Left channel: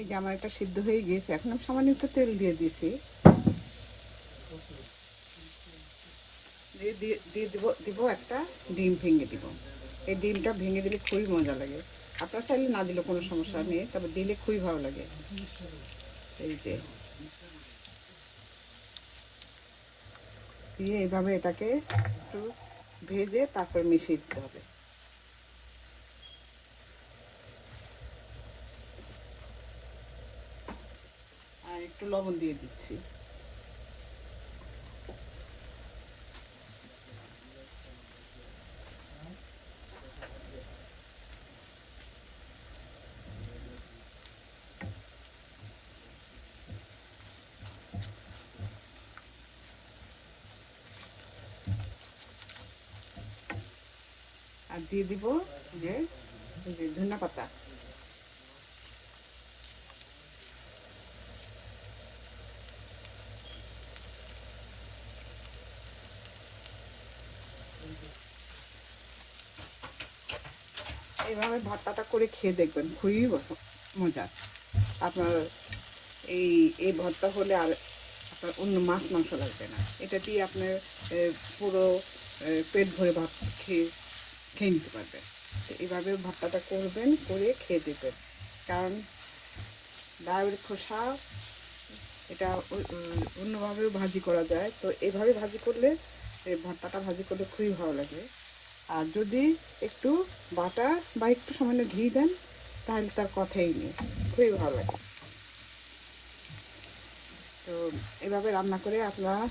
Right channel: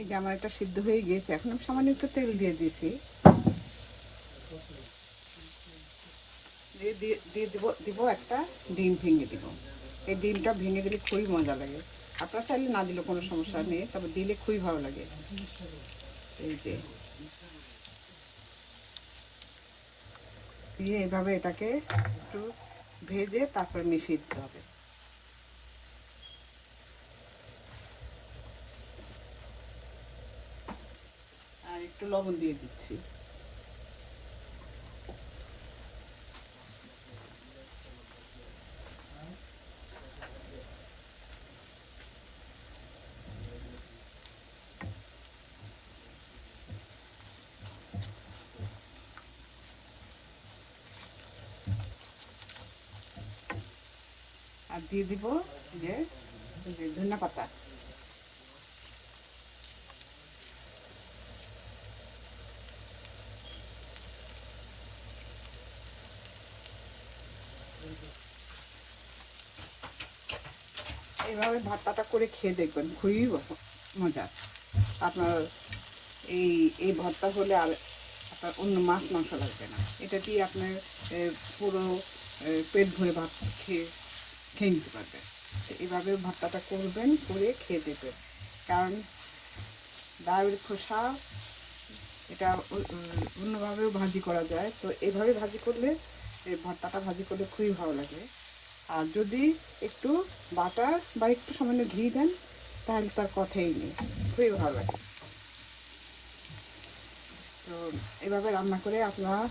এই যে আমার একটা সিদ্ধ হয়ে গিয়েছে। এখন আমি সামান্য একটু তেল দিয়ে দিয়েছি। দিয়ে দিয়ে দিব দিব একটা ডিম ভেঙে দিব। এই ডিমটা ভেঙে দিলে খুবই মজা লাগে। আপনারা চাইলে না দিলে কোনো সমস্যা নেই, তবে দিলে খুবই ভালো লাগে। এই যে। দিয়ে এইভাবে এটাকে একটু ভেজে তারপরে মিশিয়ে দিতে হবে। একটু লবণ দিয়ে দিচ্ছি। দিয়ে দিব যে ধনে এইভাবে ভর্তাটা করে খেয়ে দেখবেন, খুবই মজা। আপনার এই এই ভর্তা হলে আর আপনার অন্য মাছ মাংস লাগবে না। এটা দিয়ে আপনার পুরো পেট ভরে ভাত খেয়ে খেয়ে নিতে পারবে। তো এইভাবে ভর্তাটা করবেন, করে খেয়ে দেবেন কারণ ডায়ের খোসা, এটা অন্যভাবেও ভাজি করা যায়। তো এভাবে ভাজি করলে ভর্তাটা ভাজি করলে খুবই ভালো লাগে। আর যদি একটু বাটার বা একটু সামান্য ঘি দেন, তাহলে তার কথাই নেই। খুবই ভালো তো এভাবে রান্না করে আপনারা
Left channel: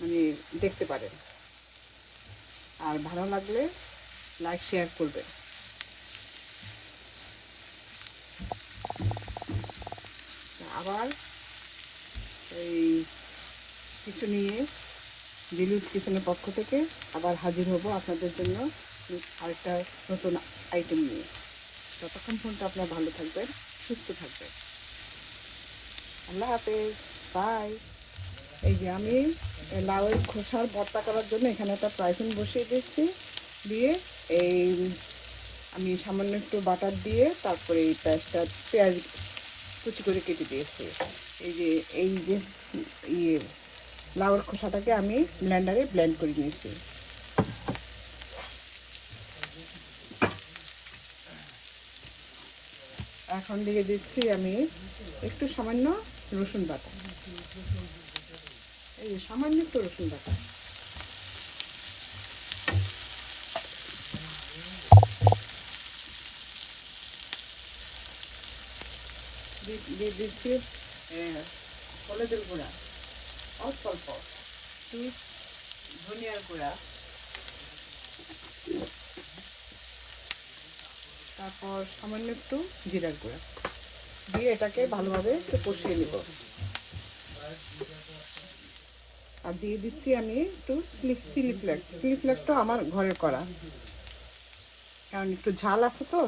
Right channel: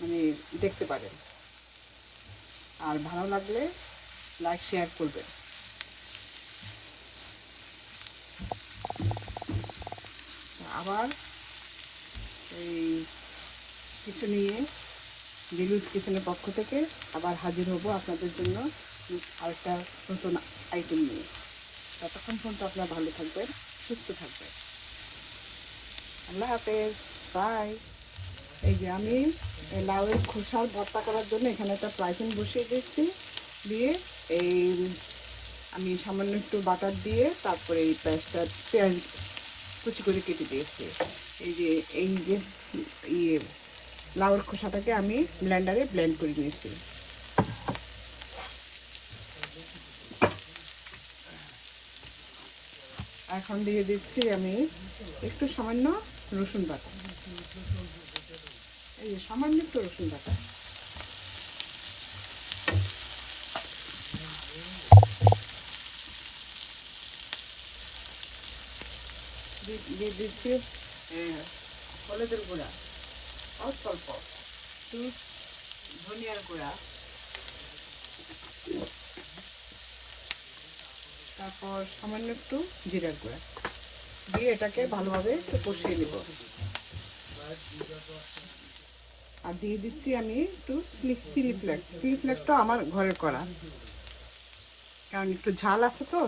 মানে দেখতে পারেন। আর ভালো লাগলে লাইক, শেয়ার করবেন। আবার এই কিছু নিয়ে দিলুজ কিচেনের পক্ষ থেকে আবার হাজির হব আপনাদের জন্য আরেকটা নতুন আইটেম নিয়ে। ততক্ষণ পর্যন্ত আপনারা ভালো থাকবেন, সুস্থ থাকবেন। বাই এই যে আমি লাউয়ের খোসার ভর্তা করার জন্য এখানে একটা প্রাইফিন বসিয়ে দিচ্ছি দিয়ে এই আমি সামান্য একটু বাটার দিয়ে তারপরে এই পেঁয়াজটা, পেঁয়াজ কুচি করে কেটে দিয়েছি। এই যে এই যে ইয়ে লাউয়ের খোসাটাকে আমি ব্লেন্ডারে ব্লেন্ড করে নিয়েছি। এখন দিয়ে দিচ্ছি আমি একটু সামান্য রসুন বাটা। এই সামান্য একটু রসুন বাটা। দিয়ে- দিচ্ছি হলুদের গুঁড়া। অল্প অল্প। ধনিয়ার গুঁড়া। তারপর সামান্য একটু জিরার গুঁড়া। দিয়ে এটাকে ভালোভাবে একটু কষিয়ে নেব। আর দিয়ে দিচ্ছি আমি একটু চিলি ফ্লেক্স চিলি ফ্লেক্সটা আমার ঘরে করা। কারণ একটু ঝাল আছে তো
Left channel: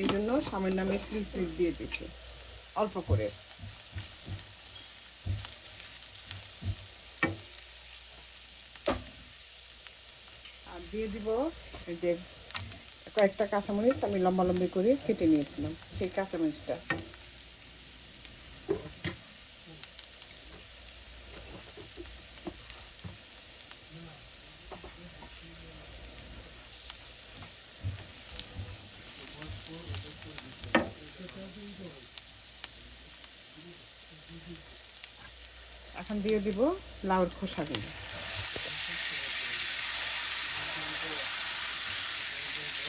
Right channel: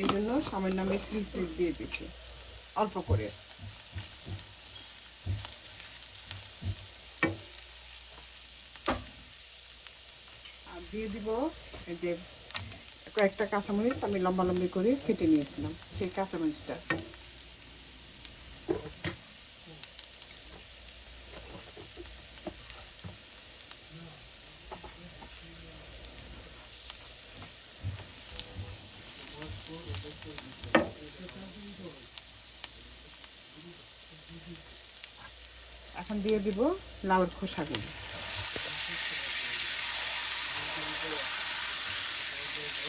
এই জন্য সামান্য আমি চিলি ফ্লেক্স দিয়ে দিচ্ছি। অল্প করে। দিয়ে দিব। যে কয়েকটা কাঁচামরিচ আমি লম্বা লম্বি করে কেটে নিয়েছিলাম, সেই কাঁচামরিচটা। এখন দিয়ে দিব লাউর খোসাগুলো দিয়ে এই যে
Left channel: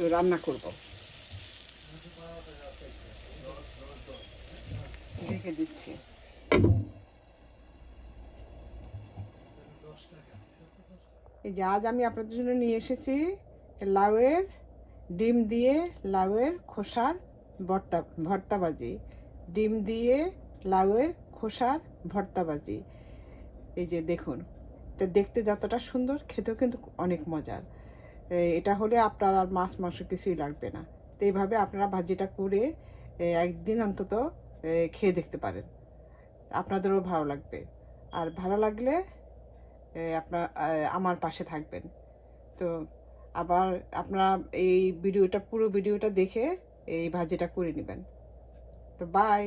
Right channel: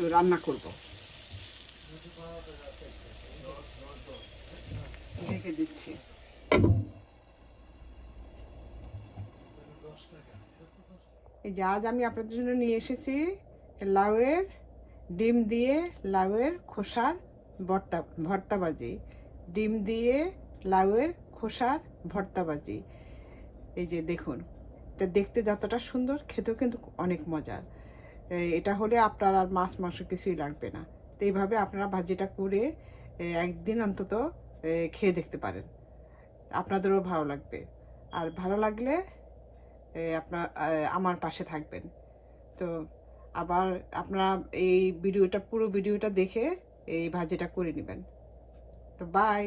একটু রান্না করব। ঢেকে দিচ্ছি। এই যে আজ আমি আপনাদের জন্য নিয়ে এসেছি লাউয়ের ডিম দিয়ে লাউয়ের খোসার ভর্তা, ভর্তাবাজি। ডিম দিয়ে লাউয়ের খোসার ভর্তাবাজি। এই যে দেখুন, এটা দেখতে যতটা সুন্দর, খেতেও কিন্তু অনেক মজার। এটা হলে আপনার আর মাছ মাংস কিছুই লাগবে না। তো এইভাবে আপনারা ভাজিটা করে একদিন অন্তত খেয়ে দেখতে পারেন। আপনাদেরও ভালো লাগবে। আর ভালো লাগলে আপনার আমার পাশে থাকবেন। তো আবার আপনারা এই ভিডিওটা, পুরো ভিডিওটা দেখে এই ভাজিটা করে নেবেন। তো বাই!